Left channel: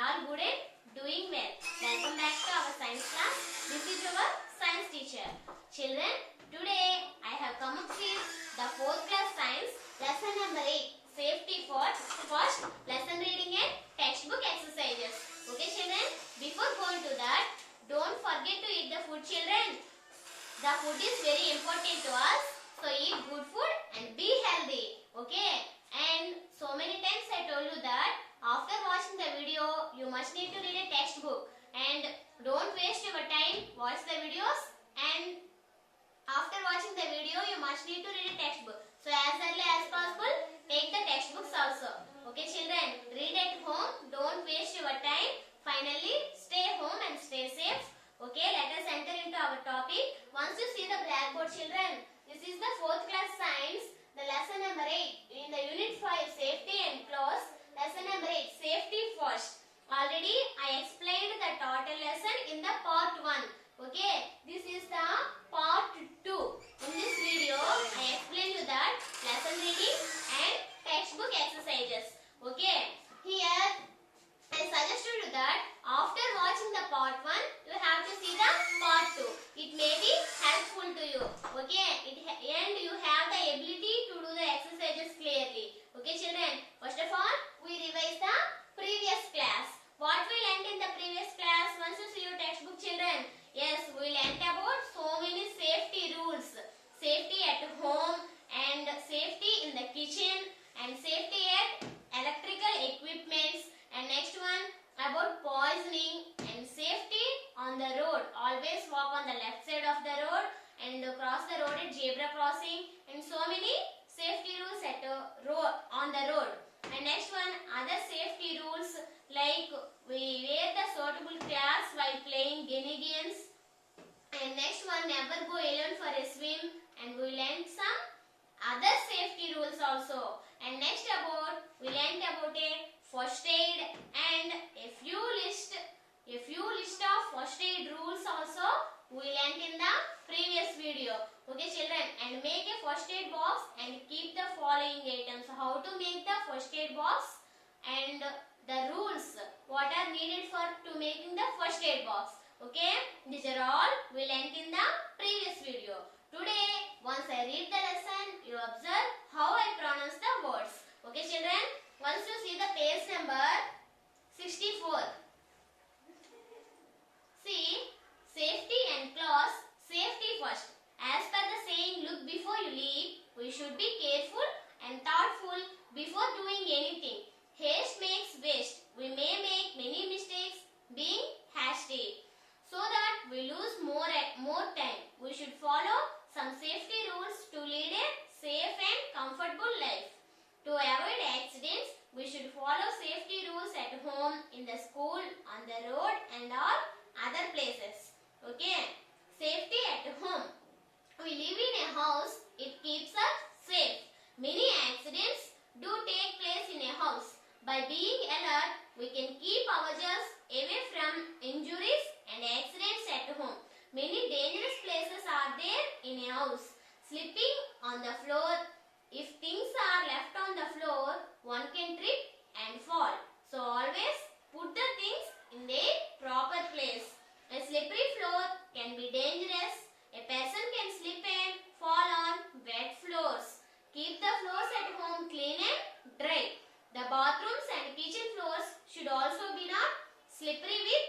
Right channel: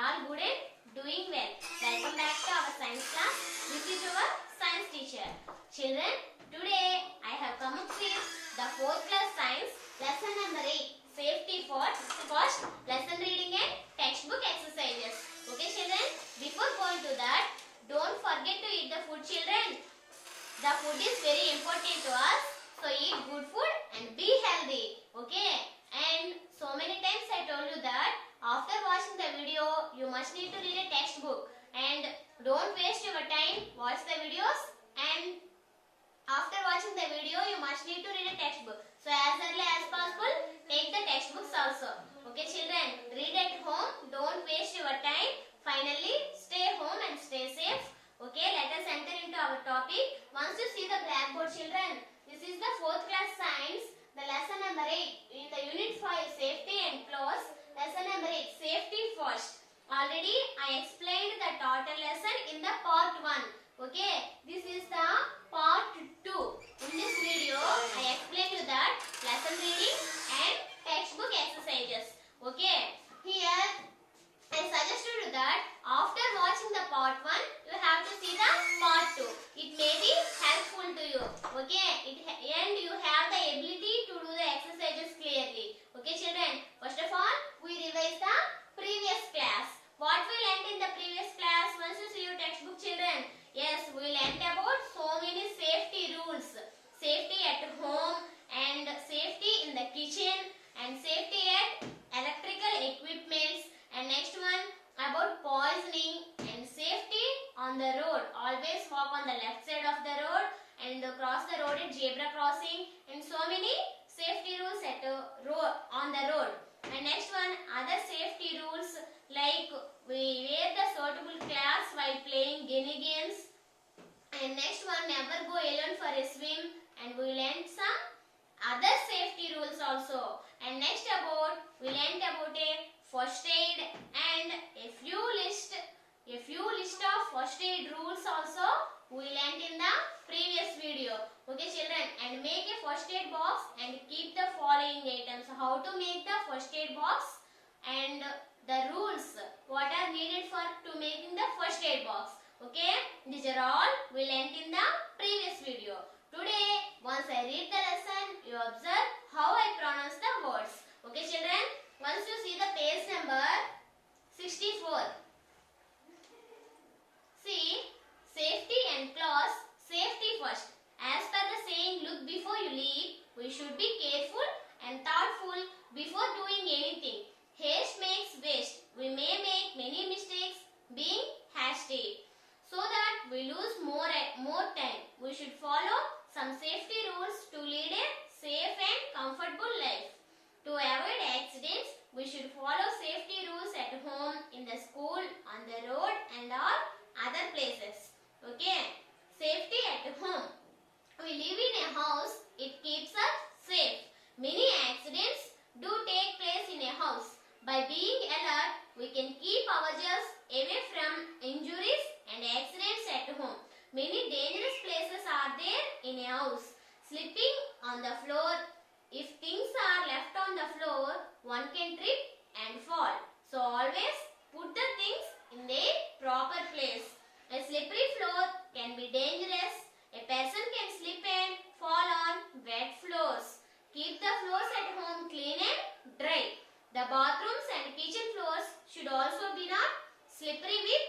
all good and doing well. Welcome back to our science class. This is your science teacher. Children, today I have come up with the 4th class science lesson number 8. Safety first, lesson reading and textbook exercises. Okay children, before going to that, don't forget to eat the food children. The food is very important to us. So eat good food and be healthy. Okay. And so many times I told you that after watching the video, you must need to read a textbook. And don't waste your time. Watch the videos. And after watching the video, you must need to read a textbook. So as early as possible, take the textbooks also. Okay children, read at home. Don't waste your time. Finally, stay home and stay safe. Okay, let us enter into our topic. Once you see the blackboard children, this is the 4th class science, the lesson number 8. In the unit 5, safety and clause, lesson number 8, safety first. Already I explained the total lesson in the part 1. Okay, this is the part 2. In this video, I explained you that lesson reading and textbook exercises. Okay, here I suggested you that after watching the part 1, you have to see the part 2. It may be helpful to you. Okay, and you have the ability to do the exercises clearly. Okay children, first of all, we revise the previous class. What we learnt in the previous class? Once you see your textbook children, yes, we learnt about so many safety rules. Safety at home and safety in the kitchen and safety at electrical equipments. And next one about poisoning and safety on the road. Always walk on the left side of the road and cross the road at zebra crossing, and so many safety rules at on the road. And next one, other safety rules like we wear the suitable clothes while playing guinea games. And next one, never go alone for a swim, and we learned some other safety rules also. And next we learned about a first aid and a few list of first aid rules also we learnt in the previous video. Okay children, and make a first aid box and keep the following items. How to make the first aid box and the rules what are needed for to making the first aid box. Okay, these are all we learnt in the previous video. Today, once I read the lesson, you observe how I pronounce the words. Okay children, once you see the page number 64. See, safety and clause, safety first. As per the saying, look before you leap, we should be careful and thoughtful before doing anything. Haste makes waste. We may make many mistakes being hasty. So that we lose more time, we should follow some safety rules to lead a safe and comfortable life. To avoid accidents, we should follow safety rules at home, in the school, on the road and all other places. Okay, safety at home. We live in a house, it keeps us safe. Many accidents do take place in a house. By being alert, we can keep ourselves away from injuries and accidents at home. Many dangerous places are there in a house. Slipping on the floor. If things are left on the floor, one can trip and fall. So always put the things in their proper place. A slippery floor can be dangerous. A person can slip and fall on wet floors. Keep the floors at home clean and dry. The bathrooms and kitchen floors should also be not slippery with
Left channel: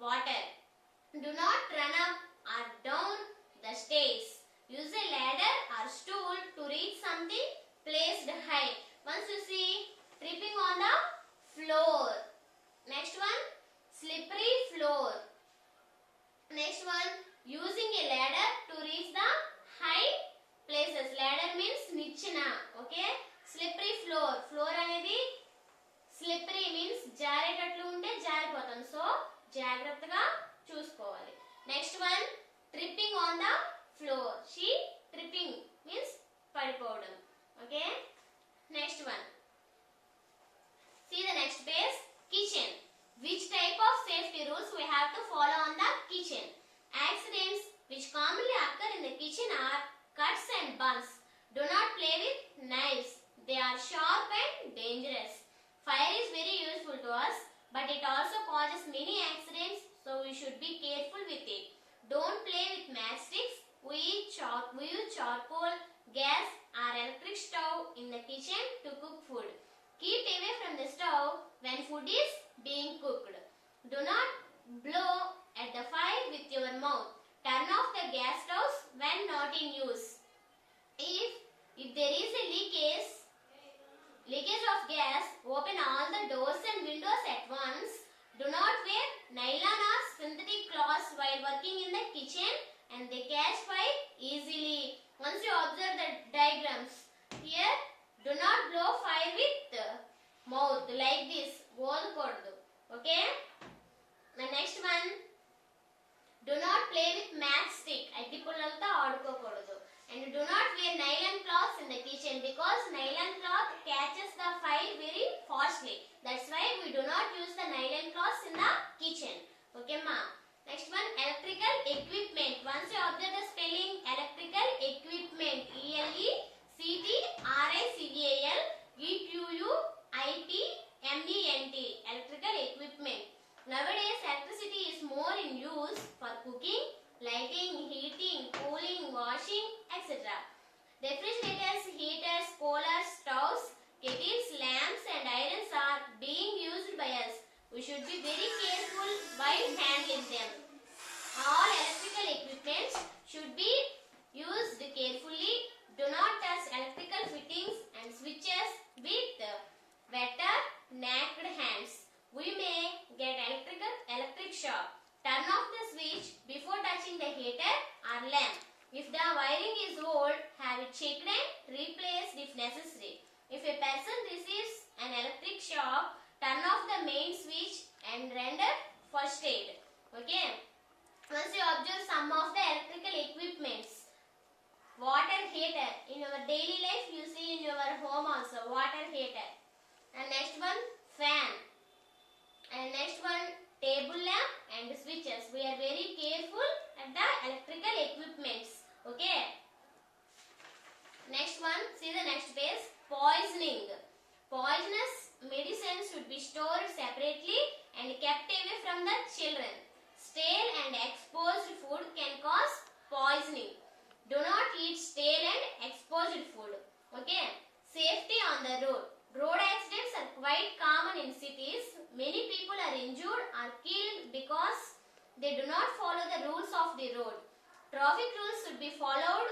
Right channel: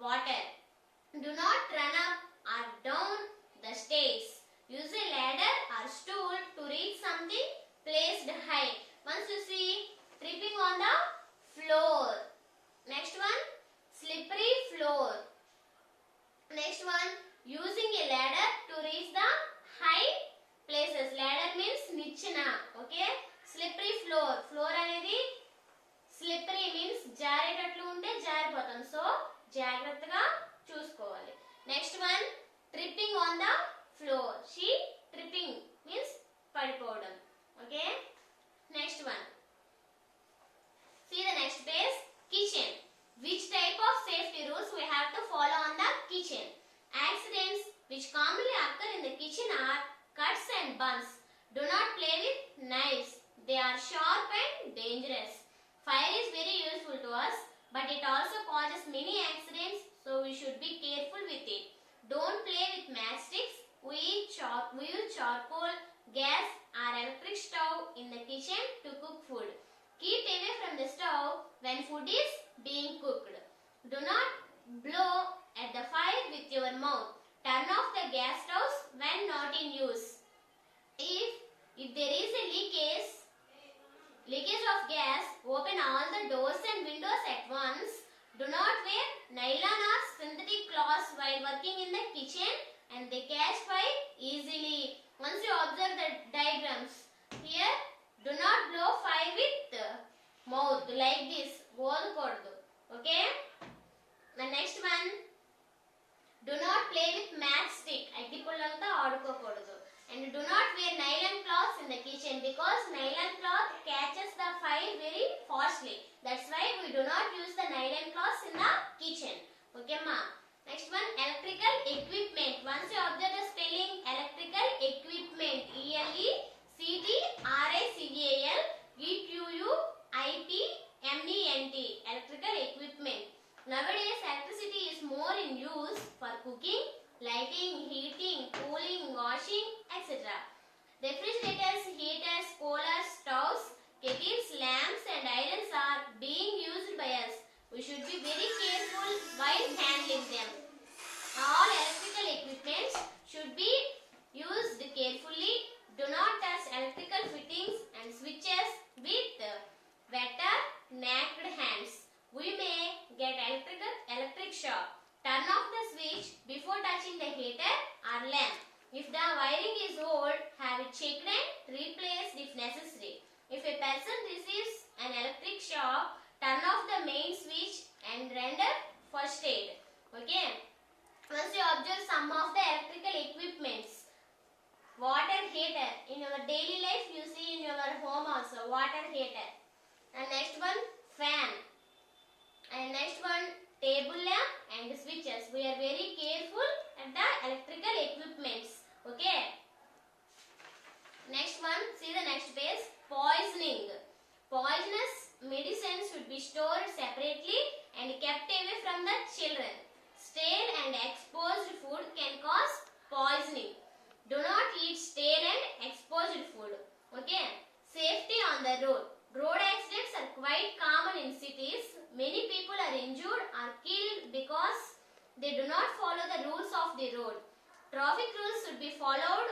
water. Do not run up or down the stairs. Use a ladder or stool to reach something placed high. Once you see, tripping on the floor. Next one, slippery floor. Next one, using a ladder to reach the high places. Ladder means nichana. Okay, slippery floor. Floor అనేది slippery means జారేటట్లు ఉంటే జారిపోతాం. So జాగ్రత్తగా చూసుకోవాలి. Next one, tripping on the floor. She tripping means పడిపోవడం. Okay, next one. See the next page. Kitchen. Which type of safety rules we have to follow on the kitchen? Accidents which commonly occur in the kitchen are cuts and burns. Do not play with knives. They are sharp and dangerous. Fire is very useful to us. but it also causes many accidents, so we should be careful with it. Don't play with matchsticks. We use charcoal, gas or electric stove in the kitchen to cook food. Keep away from the stove when food is being cooked. Do not blow at the fire with your mouth. Turn off the gas stoves when not in use. If there is a leakage of gas, open all the doors and windows at once. Do not wear nylon or synthetic cloths while working in the kitchen, and they catch fire easily. Once you observe the diagrams, here do not blow fire with mouth like this. Okay? The next one, do not play with matchstick. And do not wear nylon cloths in the kitchen because nylon cloth catches the fire very fastly. That's why we do not use the nylon cloths in the kitchen. Okay, ma? Next one, electrical equipment. Once you observe the spelling, electrical equipment. ELECTRICAL EQUIPMENT. Electrical equipment. Nowadays, electricity is more in use for cooking, lighting, heating, cooling, washing, etc. Refrigerators, heaters, coolers, stoves, kettles, lamps and irons are being used by us. We should be very careful while handling them. All electrical equipment should be used carefully. Do not touch electrical fittings and switches with wet or naked hands. We may get electric shock. Turn off the switch before touching the heater or lamp. If the wiring is old, have it checked and replaced if necessary. If a person receives an electric shock, turn off the main switch and render first aid. Okay. Once you observe some of the electrical equipments, water heater. In your daily life, you see in your home also water heater. And next one, fan. And next one, table lamp and switches. We are very careful at the electrical equipments. Okay. Next one, see the next page. Poisoning. Poisonous medicines should be stored separately and kept away from the children. Stale and exposed food can cause poisoning. Do not eat stale and exposed food. Okay. Safety on the road. Road accidents are quite common in cities. Many people are injured or killed because they do not follow the rules of the road. Traffic rules should be followed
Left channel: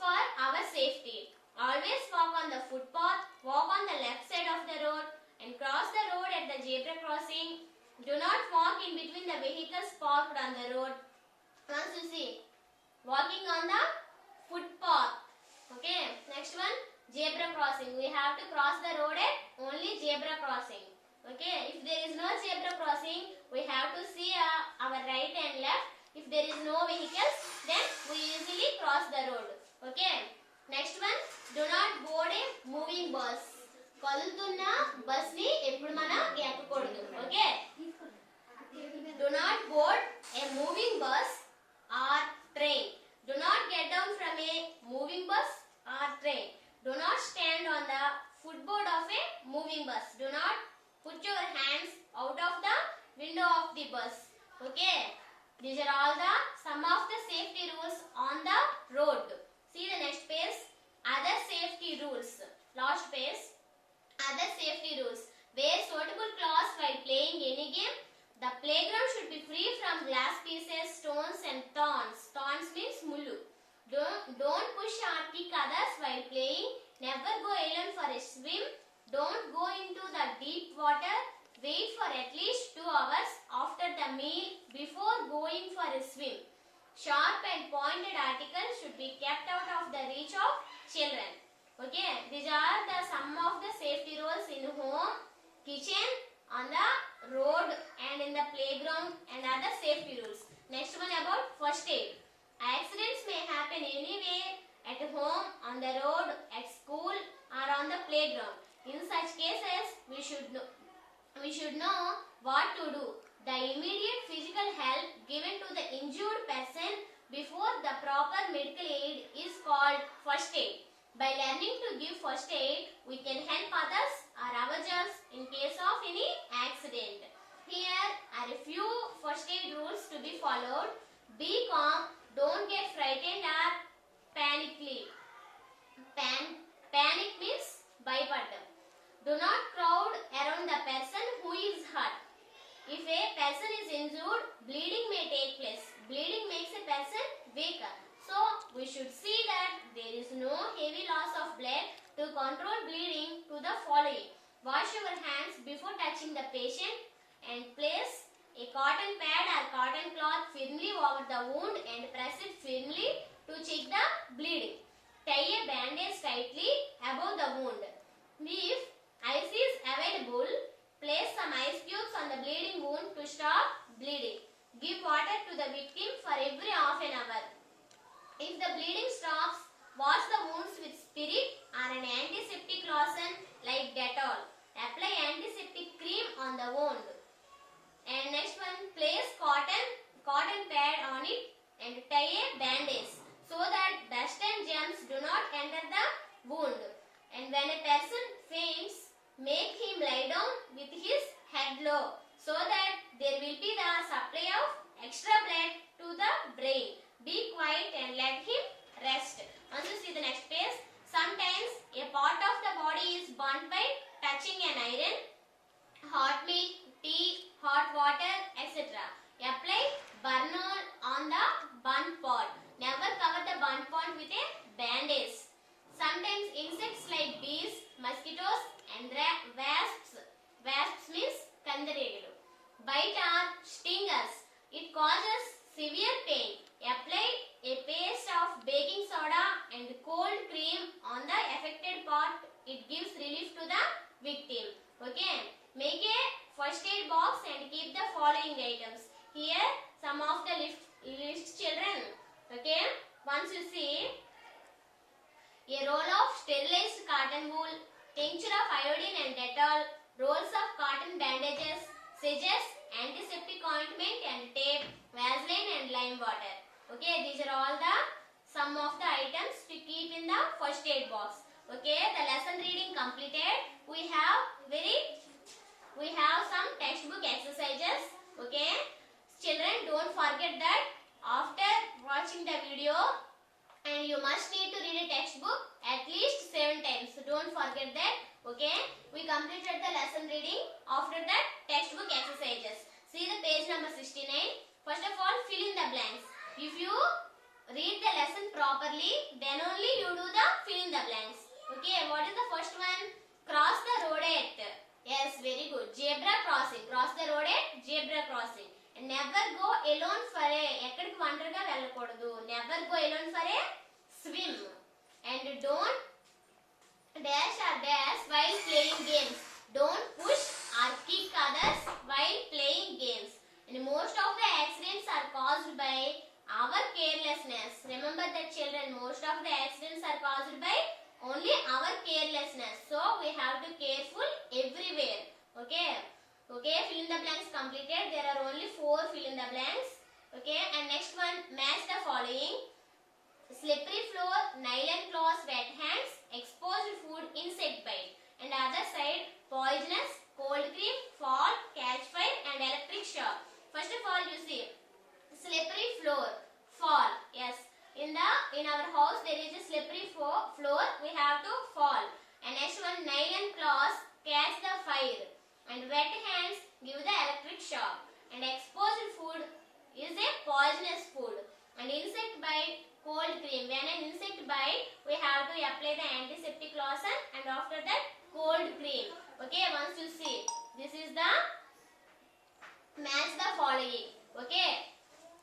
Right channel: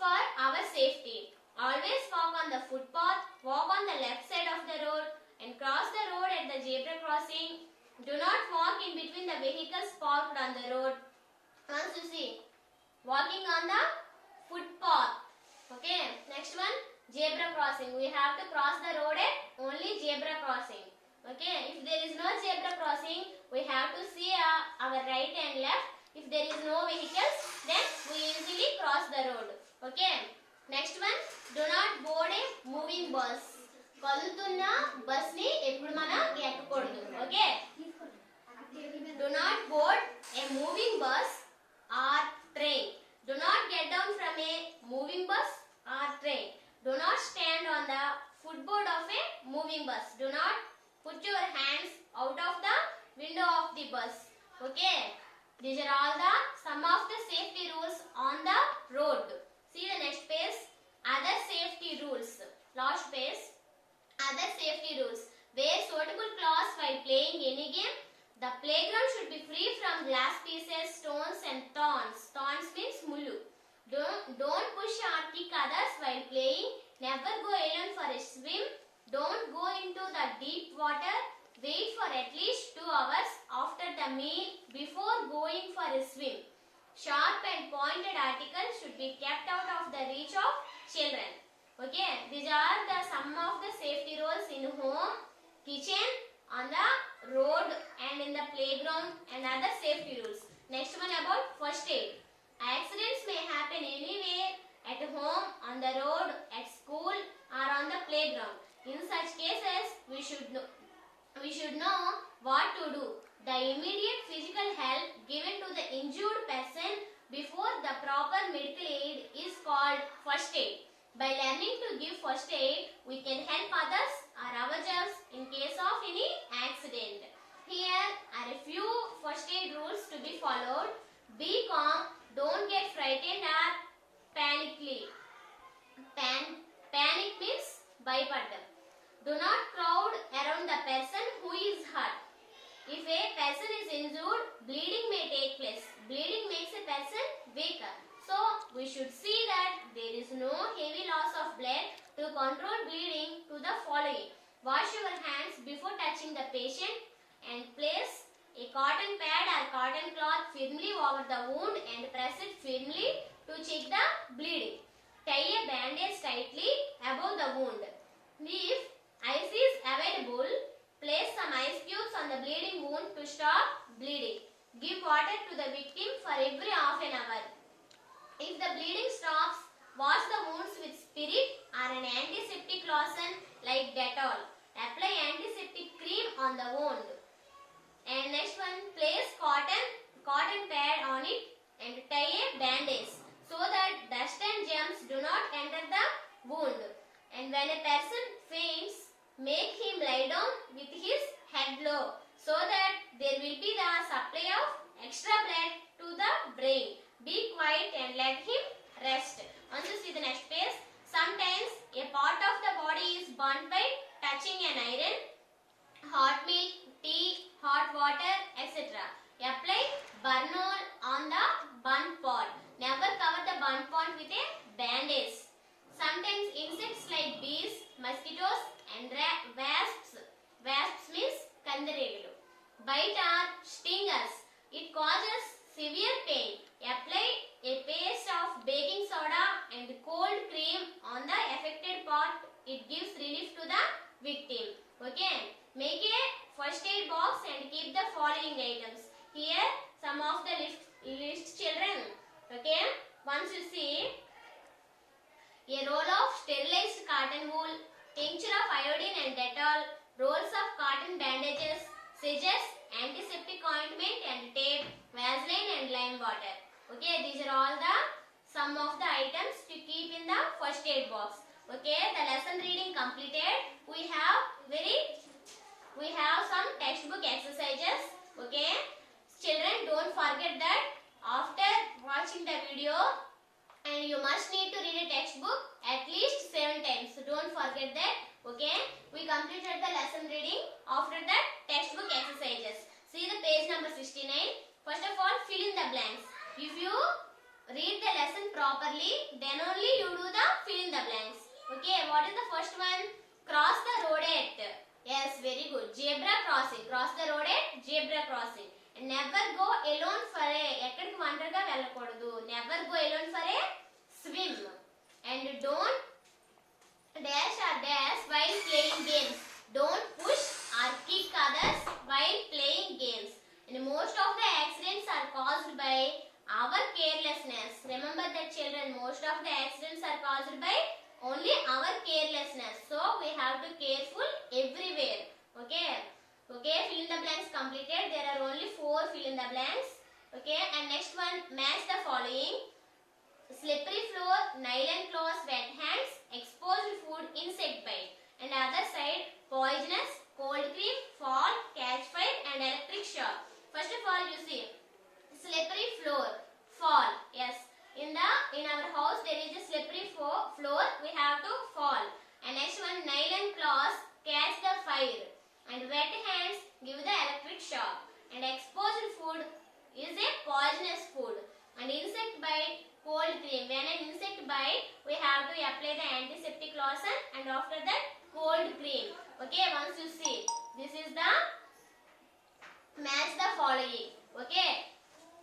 for our safety. Always walk on the footpath, walk on the left side of the road and cross the road at the zebra crossing. Do not walk in between the vehicles parked on the road. Once you see, walking on the footpath. Okay, next one, zebra crossing. We have to cross the road at only zebra crossing. Okay, if there is no zebra crossing, we have to see our right and left. If there is no vehicles, then we easily cross the road. Okay, next one, do not board a moving bus. కదులుతున్న bus ని ఎప్పుడు మనం ఎక్కకూడదు. Okay, do not board a moving bus or train. Do not get down from a moving bus or train. Do not stand on the footboard of a moving bus. Do not put your hands out of the window of the bus. Okay, these are all the some of the safety rules on the road. See the next page. Other safety rules. Last page. Other safety rules. Wear suitable clothes while playing any game. The playground should be free from glass pieces, stones and thorns. Thorns means mullu. Don't push or kick others while playing. Never go alone for a swim. Don't go into the deep water. Wait for at least 2 hours after the meal before going for a swim. Sharp and pointed articles should be kept out of the reach of children. Okay, these are the some of the safety rules in home, kitchen, on the road and in the playground and other safety rules. Next one about first aid. Accidents may happen anywhere, at home, on the road, at school or on the playground. In such cases, we should know what to do. The immediate physical help given to the injured person before the proper medical aid is called first aid. By learning to give first aid, we can help others or ourselves in case of any accident. first aid rules to be followed. Be calm, don't get frightened or panically. Panic means భయపడ్డం. Do not crowd around the person who is hurt. If a person is injured, bleeding may take place. Bleeding makes a person weaker. So, we should see that there is no heavy loss of blood. To control bleeding, to the following. Wash your hands before touching the patient and place a cotton pad or cotton cloth firmly over the wound and press it firmly to check the bleeding. Tie a bandage tightly above the wound. If ice is available, place some ice cubes on the bleeding wound to stop bleeding. Give water to the victim for every half an hour. If the bleeding stops, wash the wounds with spirit or an antiseptic lotion like Dettol. Apply antiseptic cream on the wound. And next one, place cotton pad on it and tie a bandage so that dust and germs do not enter the wound. And when a person faints, make him lie down with his head low so that there will be the supply of extra blood to the brain. Be quiet and let him rest. Once you see the next page, sometimes a part of the body is burnt by touching an iron, hot milk, tea, hot water, etc. Apply Burnol on the burnt part. Never cover the burnt part with a bandage. Sometimes insects like bees, mosquitoes and wasps means kandaregalu bite or sting us. It causes severe pain. Apply a paste of baking soda and cold cream on the affected part. It gives relief to the victim. Okay. Make a first aid box and keep the following items. Here some of the list children. Okay. Once you see a roll of sterilized cotton wool, tincture of iodine and Dettol, rolls of cotton bandages, scissors, antiseptic ointment and tape, Vaseline and lime water. Okay, these are all the some of the items to keep in the first aid box. Okay, the lesson reading completed. We have some textbook exercises. Okay, children, don't forget that after watching the video, and you must need to read a textbook at least 7 times. So don't forget that. Okay, we completed the lesson reading. After that, textbook exercises. See the page number 69. First of all, fill in the blanks. If you read the lesson properly, then only you do the fill in the blanks. Okay, what is the first one? Cross the road at. Yes, very good. Zebra crossing. Cross the road at zebra crossing. And never go alone for a. ఎక్కడికి ఒంటరిగా వెళ్ళకూడదు. Never go alone for a swim. And don't dash or dash while playing games. Don't push or kick others while playing games. And most of the accidents are caused by our carelessness. Remember that children, most of the accidents are caused by only our carelessness. So we have to careful everywhere. Okay. Okay, fill in the blanks completed. There are only 4 fill in the blanks. Okay, and next one, match the following. Slippery floor, nylon cloths, wet hands, exposed food, insect bite. And other side, poisonous, cold cream, fall, catch fire and electric shock. First of all, you see, slippery floor, fall. Yes, in our house there is a slippery floor, we have to fall. And next one, nylon cloths, catch the fire. And wet hands give the electric shock. And exposed food is a poisonous food. And insect bite, cold cream. When an insect bite, we have to apply the antiseptic lotion and after that cold cream. Okay, once you see, this is the match the following. Okay,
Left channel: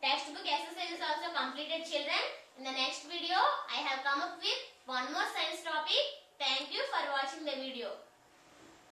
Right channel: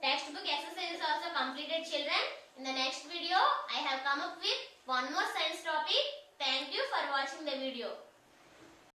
textbook exercise is also completed, children. In the next video, I have come up with one more science topic. Thank you for watching the video.